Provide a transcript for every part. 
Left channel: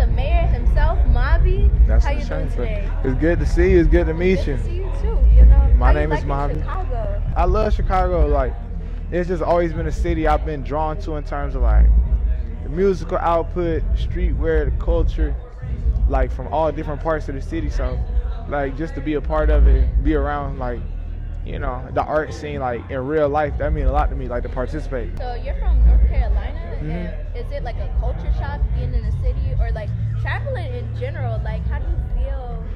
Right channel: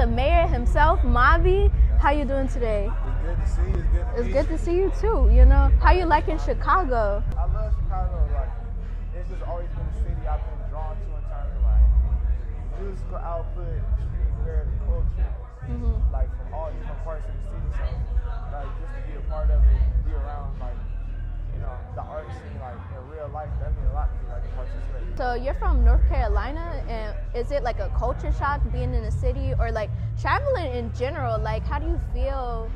the mayor himself, MAVI. That's How you doing today? It's good to see you. It's good to meet you. It's good to see you too. You know, My how you name is liking Chicago? I love Chicago. Like, it's just always been a city I've been drawn to in terms of like the musical output, streetwear, the culture, like from all different parts of the city. So, like, just to be a part of it, be around, like, you know, the art scene, like in real life, that means a lot to me, like to participate. So you're from North Carolina, and is it like a culture shock being in a city, or like traveling in general? Like, how do you feel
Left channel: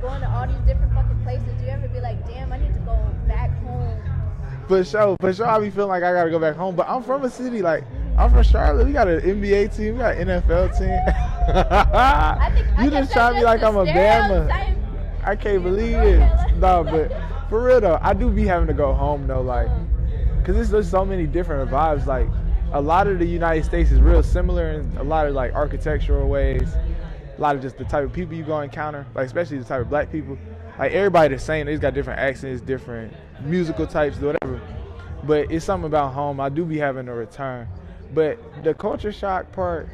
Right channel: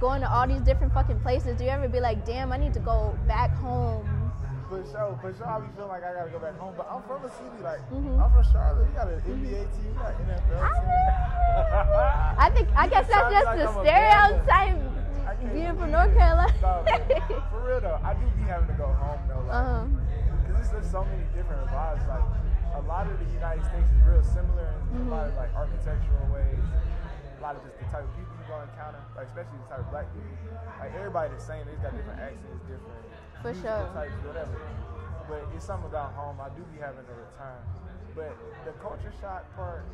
going to all these different fucking places? Do you ever be like, damn, I need to go back home? For sure, I be feeling like I gotta go back home, but I'm from a city, like, I'm from Charlotte. We got an NBA team, we got an NFL team. I think you just try to be like I'm a Bama. I can't believe it. No, but for real though, I do be having to go home though, like, cause there's so many different vibes. Like, a lot of the United States is real similar in a lot of like architectural ways, a lot of just the type of people you go encounter, like especially the type of black people. Like, everybody the same. They just got different accents, different musical types, whatever. But it's something about home. I do be having to return. But the culture shock part,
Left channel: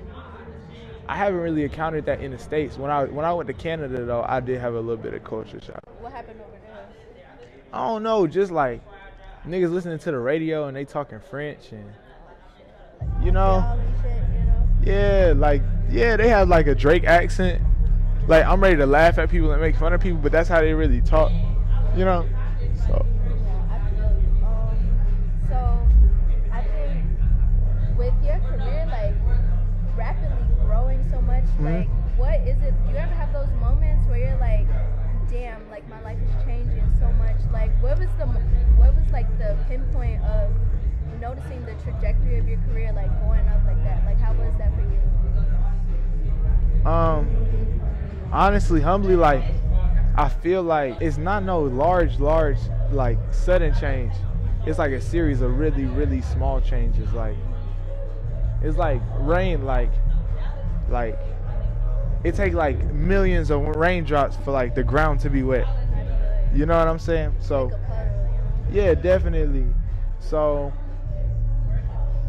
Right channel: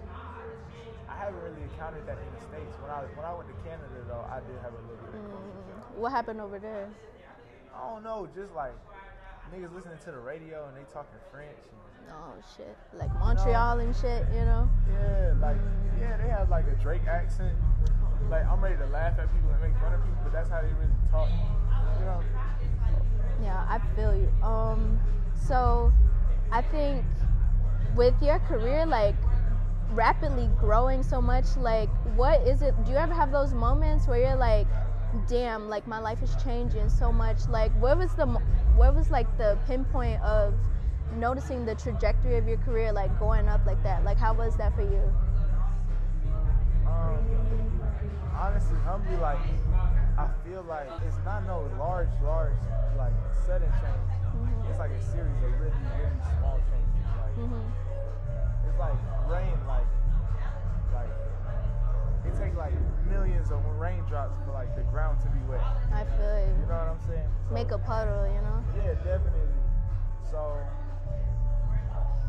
I haven't really encountered that in the States. When I went to Canada, though, I did have a little bit of culture shock. What happened over there? I don't know, just like niggas listening to the radio and they talking French and shit, like Montreal and shit, you know? Yeah, like, yeah, they have like a Drake accent. Like, I'm ready to laugh at people and make fun of people, but that's how they really talk, you know? So. Yeah, I feel you. So I think with your career, like, rapidly growing so much, like, what is it, do you ever have those moments where you're like, damn, like, my life is changing so much? Like, what was like the pinpoint of noticing the trajectory of your career, like, going up like that? Like, how was that for you? Honestly, humbly, like, I feel like it's not no large, like, sudden change. It's like a series of really, really small changes. Like, it's like rain, like it takes like millions of raindrops for like the ground to be wet. I feel it. You know what I'm saying? So make a puddle, you know? Yeah, definitely. So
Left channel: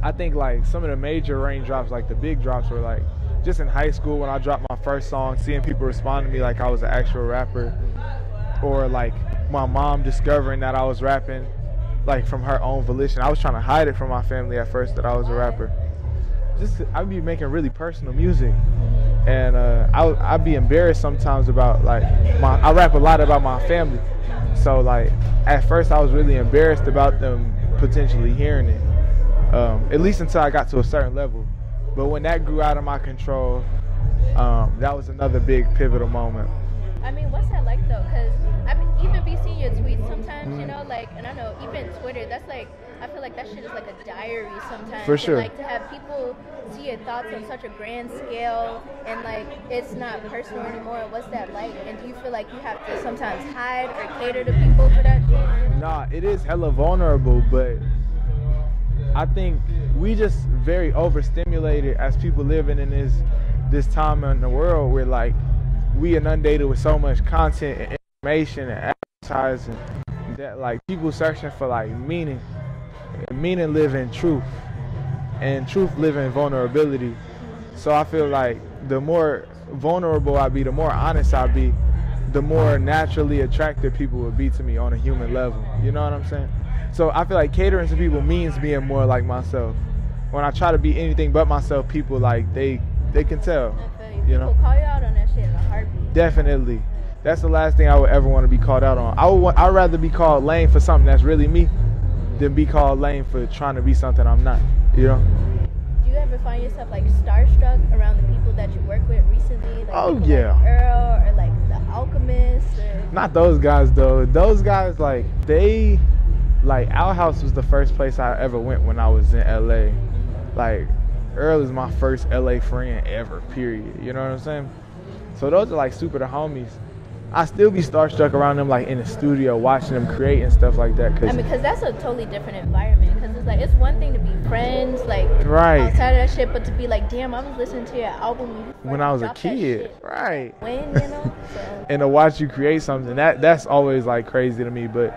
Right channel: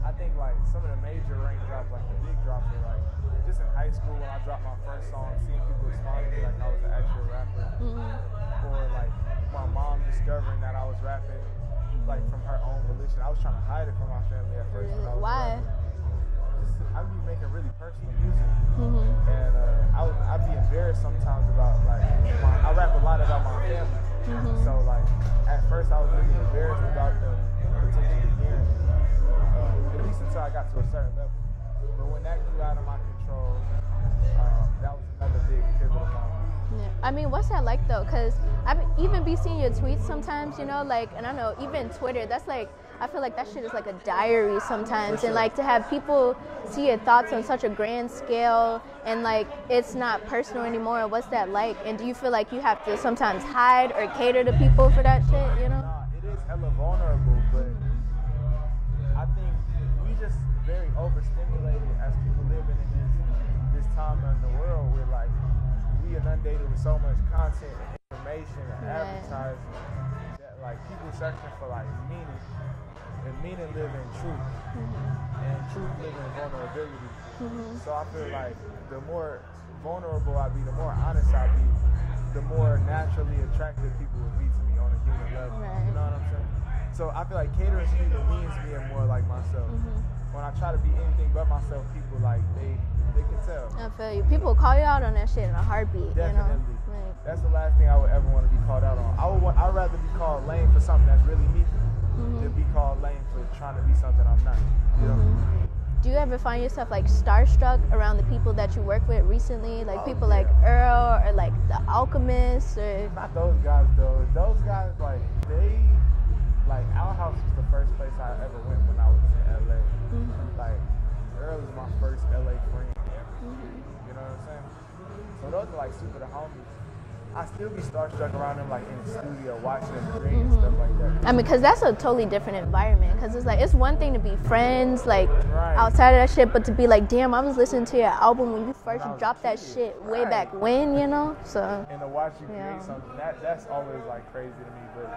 I think like some of the major raindrops, like the big drops, were like just in high school when I dropped my first song, seeing people respond to me like I was an actual rapper, or like my mom discovering that I was rapping, like from her own volition. I was trying to hide it from my family at first that I was a rapper. I'd be making really personal music, and I'd be embarrassed sometimes about like I rap a lot about my family, so like at first I was really embarrassed about them potentially hearing it, at least until I got to a certain level. But when that grew out of my control, that was another big pivotal moment. I mean, what's that like though? Because I even be seeing your tweets sometimes, you know, like, and I know even Twitter, that's like, I feel like that shit is like a diary sometimes. For sure. And like to have people see your thoughts on such a grand scale and like it's not personal anymore. What's that like? And do you feel like you have to sometimes hide or cater to people for that shit, you know? Nah, it is hella vulnerable, but I think we just very overstimulated as people living in this time in the world where like we inundated with so much content and information and advertising that like people searching for like meaning live in truth, and truth live in vulnerability. So I feel like the more vulnerable I be, the more honest I be, the more naturally attractive people would be to me on a human level. You know what I'm saying? So I feel like catering to people means being more like myself. When I try to be anything but myself, people like they can tell. I feel you. People call you out on that shit in a heartbeat. Definitely. You know? Right. That's the last thing I would ever want to be called out on. I'd rather be called lame for something that's really me than be called lame for trying to be something I'm not. You know? Do you ever find yourself like starstruck around the people that you work with recently? Like people yeah. like Earl or like the Alchemist or... Not those guys though. Those guys like Our House was the first place I ever went when I was in LA. Like Earl is my first LA friend ever, period. You know what I'm saying? So those are like super the homies. I still be starstruck around them, like in the studio, watching them create and stuff like that. I mean, because that's a totally different environment. Because it's like, it's one thing to be friends, like outside of that shit, but to be like, damn, I was listening to your album when you first dropped that shit way back when, you know? So. And to watch you create something, that's always like crazy to me. But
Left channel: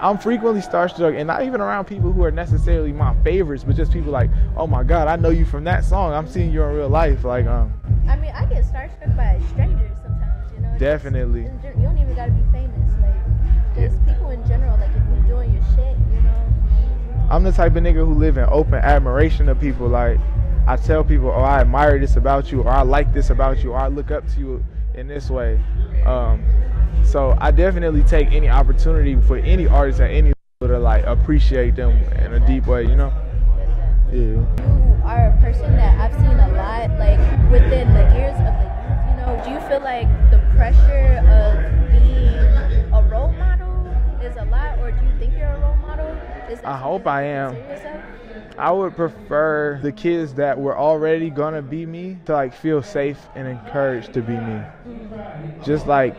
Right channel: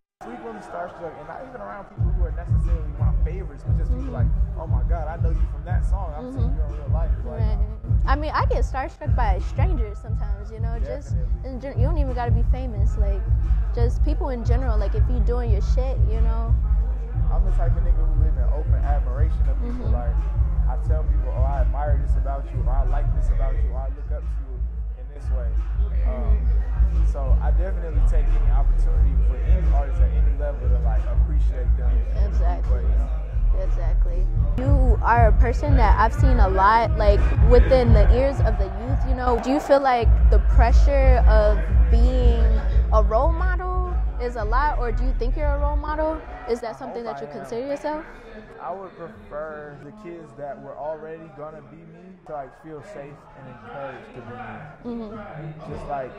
I'm frequently starstruck, and not even around people who are necessarily my favorites, but just people like, oh my God, I know you from that song. I'm seeing you in real life. Like, I mean, I get starstruck by strangers sometimes, you know. Definitely. You don't even gotta be famous. Like, just people in general. Like, if you doing your shit, you know. I'm the type of nigga who live in open admiration of people. Like, I tell people, oh, I admire this about you, or I like this about you, or I look up to you in this way. So I definitely take any opportunity for any artist at any level to like appreciate them in a deep way, you know? Exactly. Yeah. You are a person that I've seen a lot, like, within the ears of the youth, you know. Do you feel like the pressure of being a role model is a lot, or do you think you're a role model? Is that something that you consider yourself? I would prefer the kids that were already gonna be me to like feel safe and encouraged to be me. Just like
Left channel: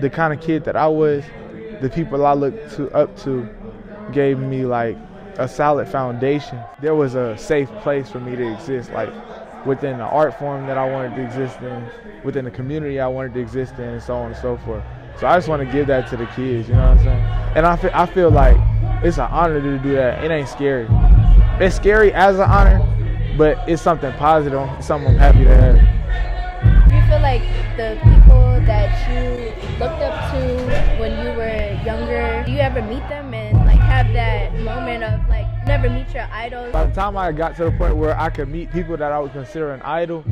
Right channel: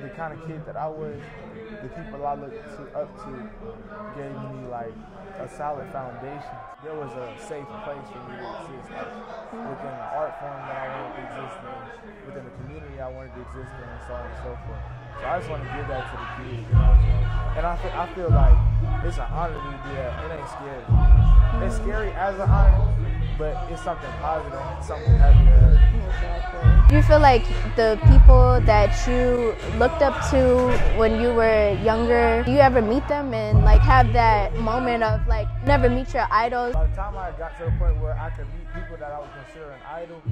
the kind of kid that I was, the people I looked up to gave me like a solid foundation. There was a safe place for me to exist, like within the art form that I wanted to exist in, within the community I wanted to exist in, and so on and so forth. So I just want to give that to the kids, you know what I'm saying? And I feel like it's an honor to do that. It ain't scary. It's scary as an honor, but it's something positive. It's something I'm happy to have. Do you feel like the people that you looked up to when you were younger, do you ever meet them and like have that moment of like never meet your idols? By the time I got to the point where I could meet people that I would consider an idol,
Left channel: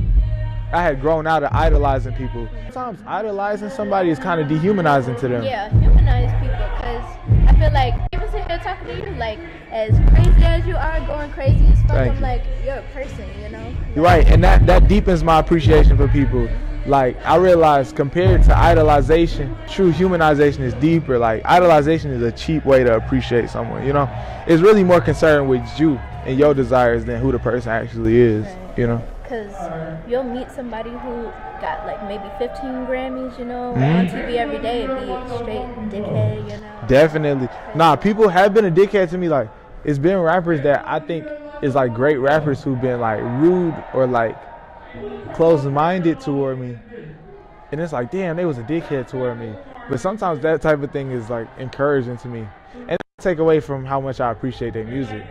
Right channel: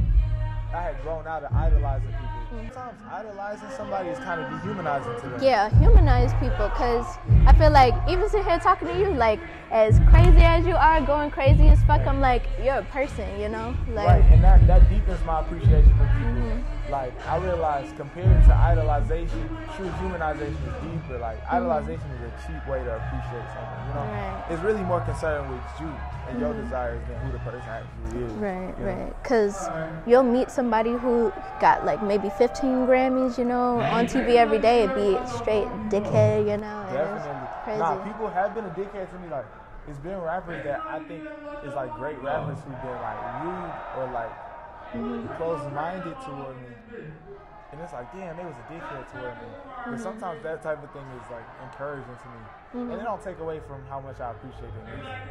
I had grown out of idolizing people. Sometimes idolizing somebody is kind of dehumanizing to them. Yeah, humanize people, because I feel like even sitting here talking to you, like, as crazy as you are, going crazy as fuck, I'm like, you're a person, you know? Like, right, and that deepens my appreciation for people. Like, I realize compared to idolization, true humanization is deeper. Like, idolization is a cheap way to appreciate someone, you know? It's really more concerned with you and your desires than who the person actually is, you know? Because you'll meet somebody who got like maybe 15 Grammys, you know, on TV every day, it'd be a straight dickhead, you know? Definitely. Crazy. Nah, people have been a dickhead to me. Like, it's been rappers that I think is like great rappers who've been like rude or like closed-minded toward me. And it's like, damn, they was a dickhead toward me. But sometimes that type of thing is like encouraging to me. And it don't take away from how much I appreciate their music.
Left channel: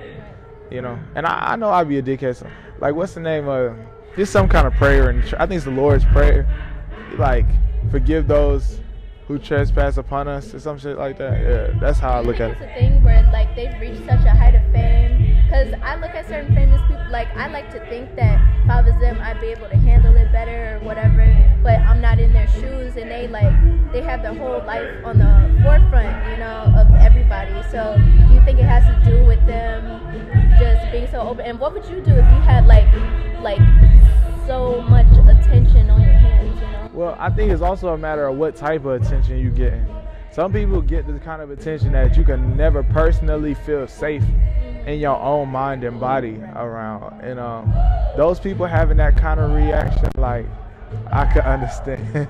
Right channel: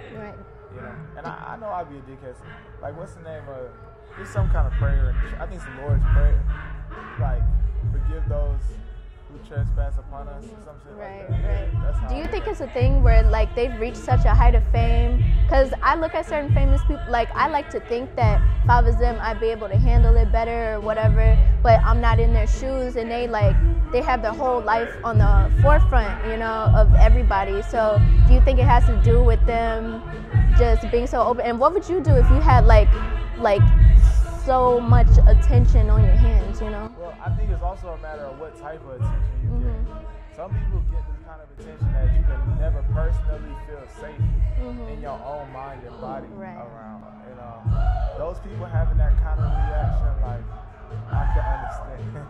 You know, and I know I'd be a dickhead. So, like, what's the name of? There's some kind of prayer, and I think it's the Lord's Prayer. Like, forgive those who trespass upon us, or some shit like that. Yeah, that's how I look at it. Do you think it's a thing where like they've reached such a height of fame? Because I look at certain famous people, like I like to think that if I was them, I'd be able to handle it better or whatever. But I'm not in their shoes, and they have their whole life on the forefront, you know, of everybody. So do you think it has to do with them just being so open? And what would you do if you had like so much attention on your hands, you know? Well, I think it's also a matter of what type of attention you get. Some people get the kind of attention that you can never personally feel safe in your own mind and body around. And those people having that kind of reaction, like, I could understand.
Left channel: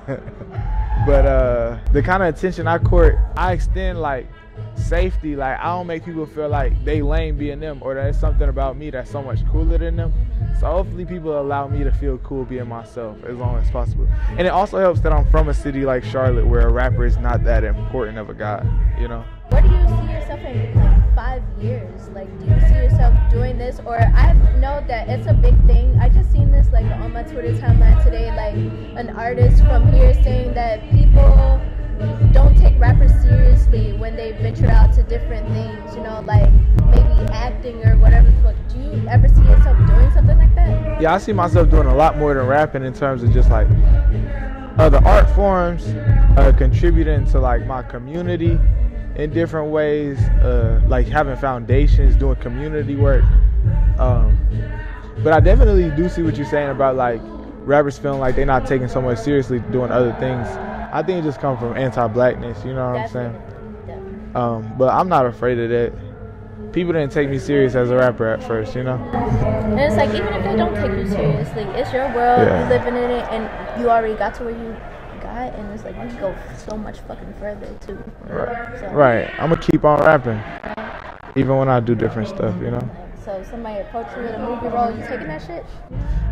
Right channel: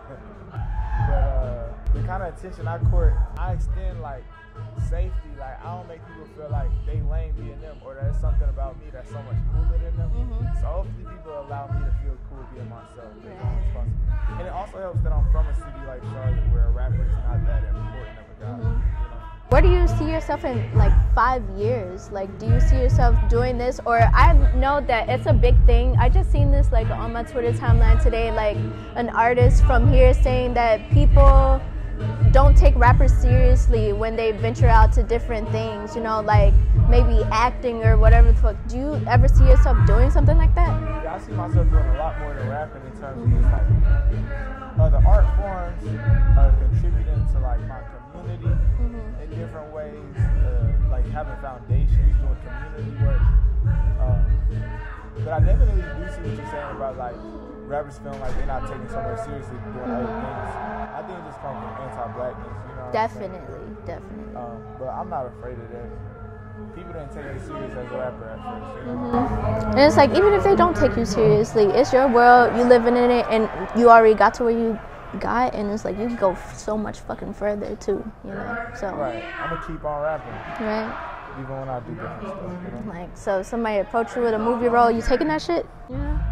But the kind of attention I court, I extend like safety. Like, I don't make people feel like they lame being them, or there's something about me that's so much cooler than them. So hopefully people allow me to feel cool being myself as long as possible. And it also helps that I'm from a city like Charlotte where a rapper is not that important of a guy, you know? Where do you see yourself in like 5 years? Like, do you see yourself doing this? Or I know that it's a big thing. I just seen this like on my Twitter timeline today, like an artist from here saying that people don't take rappers seriously when they venture out to different things, you know, like maybe acting or whatever the fuck. Do you ever see yourself doing something like that? Yeah, I see myself doing a lot more than rapping in terms of just like other art forms, contributing to like my community in different ways, like having foundations, doing community work. But I definitely do see what you're saying about like rappers feeling like they're not taking so much seriously doing other things. I think it just comes from anti-blackness, you know what I'm saying? Definitely. But I'm not afraid of that. People didn't take me serious as a rapper at first, you know? And it's like, even if they don't take you seriously, it's your world, you living in it, and you already got to where you got, and it's like, you can go so much fucking further, too. You know? So, right. I'm going to keep on rapping. Right. Even when I do different stuff, you know? Like, so somebody approach you with a movie role, you taking that shit?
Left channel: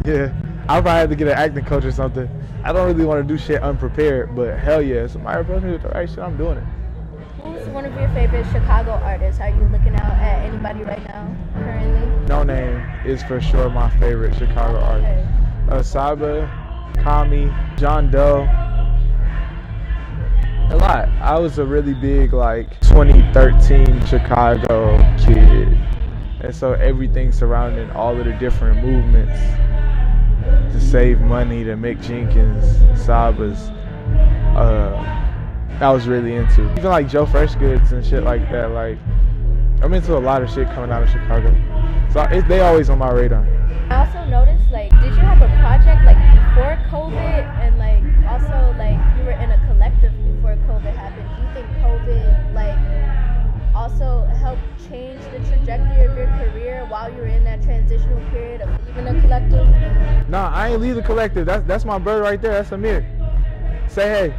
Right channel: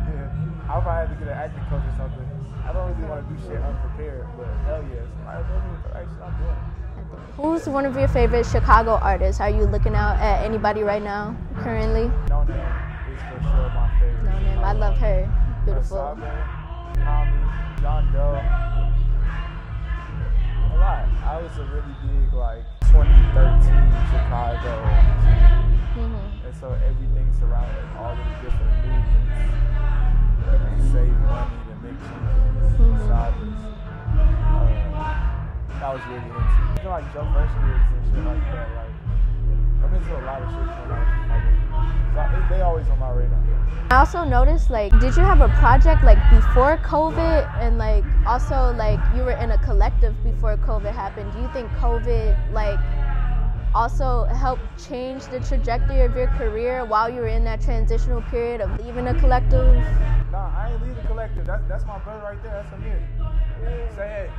Yeah. I'll probably have to get an acting coach or something. I don't really want to do shit unprepared, but hell yeah, somebody approach me with the right shit, I'm doing it. Who's one of your favorite Chicago artists? Are you looking out at anybody right now, currently? No Name is for sure my favorite Chicago I love artist. her. Saba, Kami, John Doe. A lot. I was a really big 2013 Chicago kid. And so everything surrounding all of the different movements to save money, to Mick Jenkins, Sabas, I was really into. Even Joe Freshgoods and shit like that. I'm into a lot of shit coming out of Chicago. So they always on my radar. I also noticed, did you have a project before COVID, and also you were in a collective before COVID happened? Do you think COVID also helped change the trajectory of your career while you were in that transitional period of leaving a collective? Nah, I ain't leave the collective. That's my bird right there. That's Amir. Say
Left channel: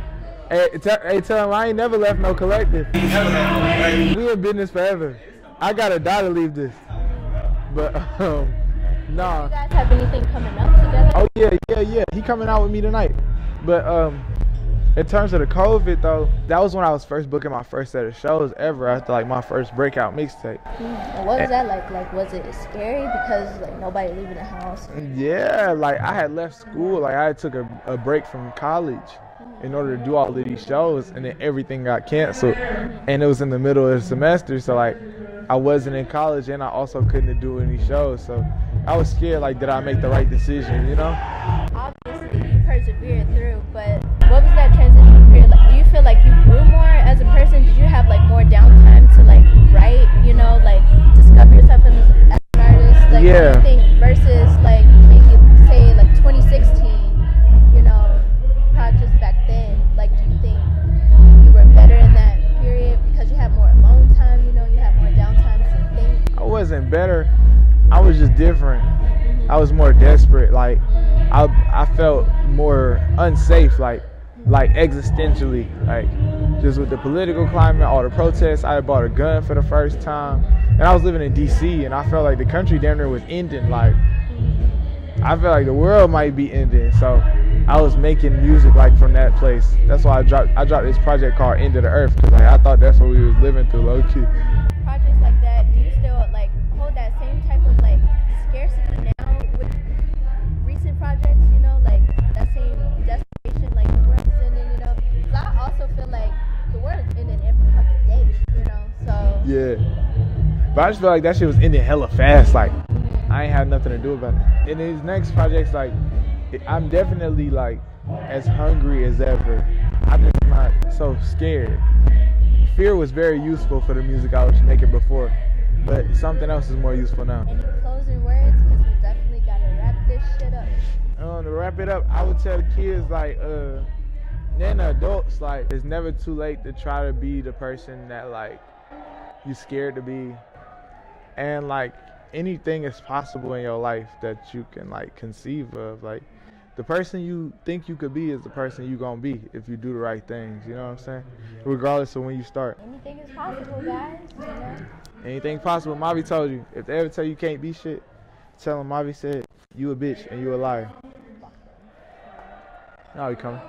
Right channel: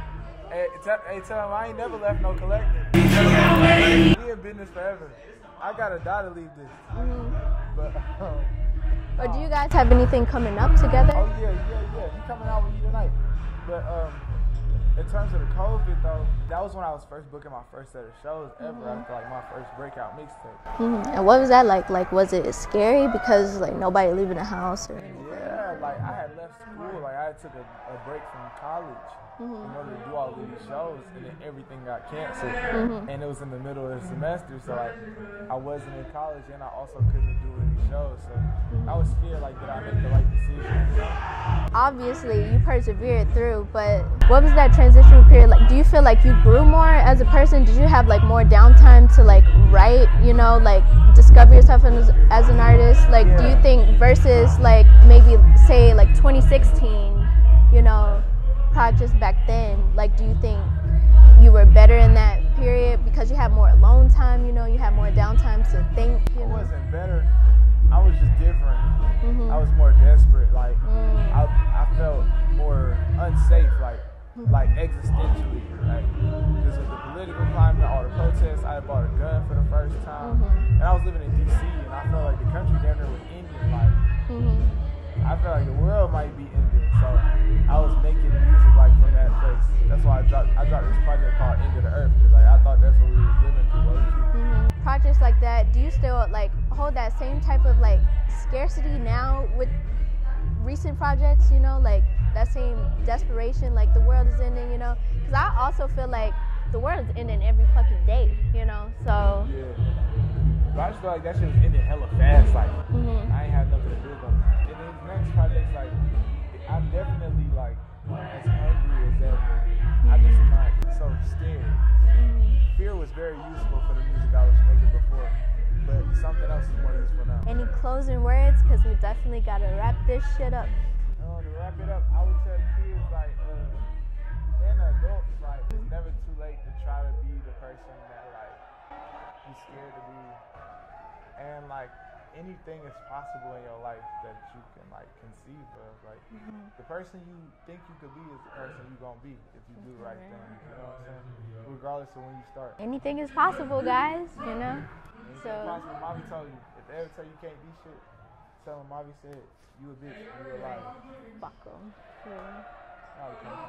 hey, tell him I ain't never left no collective. We in business forever. I gotta die to leave this. But nah. Do you guys have anything coming up together? Oh yeah. He coming out with me tonight. But in terms of the COVID though, that was when I was first booking my first set of shows ever after my first breakout mixtape. And what was that like? Was it scary because nobody leaving the house? Or? Yeah, I had left school. I had took a break from college in order to do all of these shows, and then everything got canceled. And it was in the middle of the semester, so I wasn't in college, and I also couldn't do any shows. So I was scared, did I make the right decision, you know? Obviously, you persevered through, but what was that transitional period like? Do you feel like you grew more as a person? Did you have more downtime to write, discover yourself as an artist? Yeah. Do you think versus maybe say 2016, projects back then, do you think you were better in that period because you had more alone time, you had more downtime to think? I wasn't better. I was just different. I was more desperate. I felt more unsafe, existentially. Just with the political climate, all the protests. I had bought a gun for the first time. And I was living in D.C. and I felt like the country damn near was ending. I felt like the world might be ending. So I was making music from that place. That's why I dropped this project called End of the Earth, because I thought that's what we was living through, low key. Projects like that, do you still hold that same type of scarcity now with recent projects, that same desperation, the world is ending, because I also feel the world is ending every fucking day, so. Yeah. But I just feel like that shit was ending hella fast. I ain't had nothing to do about it. In these next projects, I'm definitely as hungry as ever. I'm just not so scared. Fear was very useful for the music I was making before, but something else is more useful now. Any closing words? Because we definitely gotta wrap this shit up. To wrap it up, I would tell the kids then the adults it's never too late to try to be the person that you scared to be, and anything is possible in your life that you can conceive of. The person you think you could be is the person you gonna be if you do the right things, you know what I'm saying? Regardless of when you start. Anything is possible, guys, Anything possible. MAVI told you. If they ever tell you can't be shit, tell them MAVI said you a bitch and you a liar. Fuck them. Now he coming.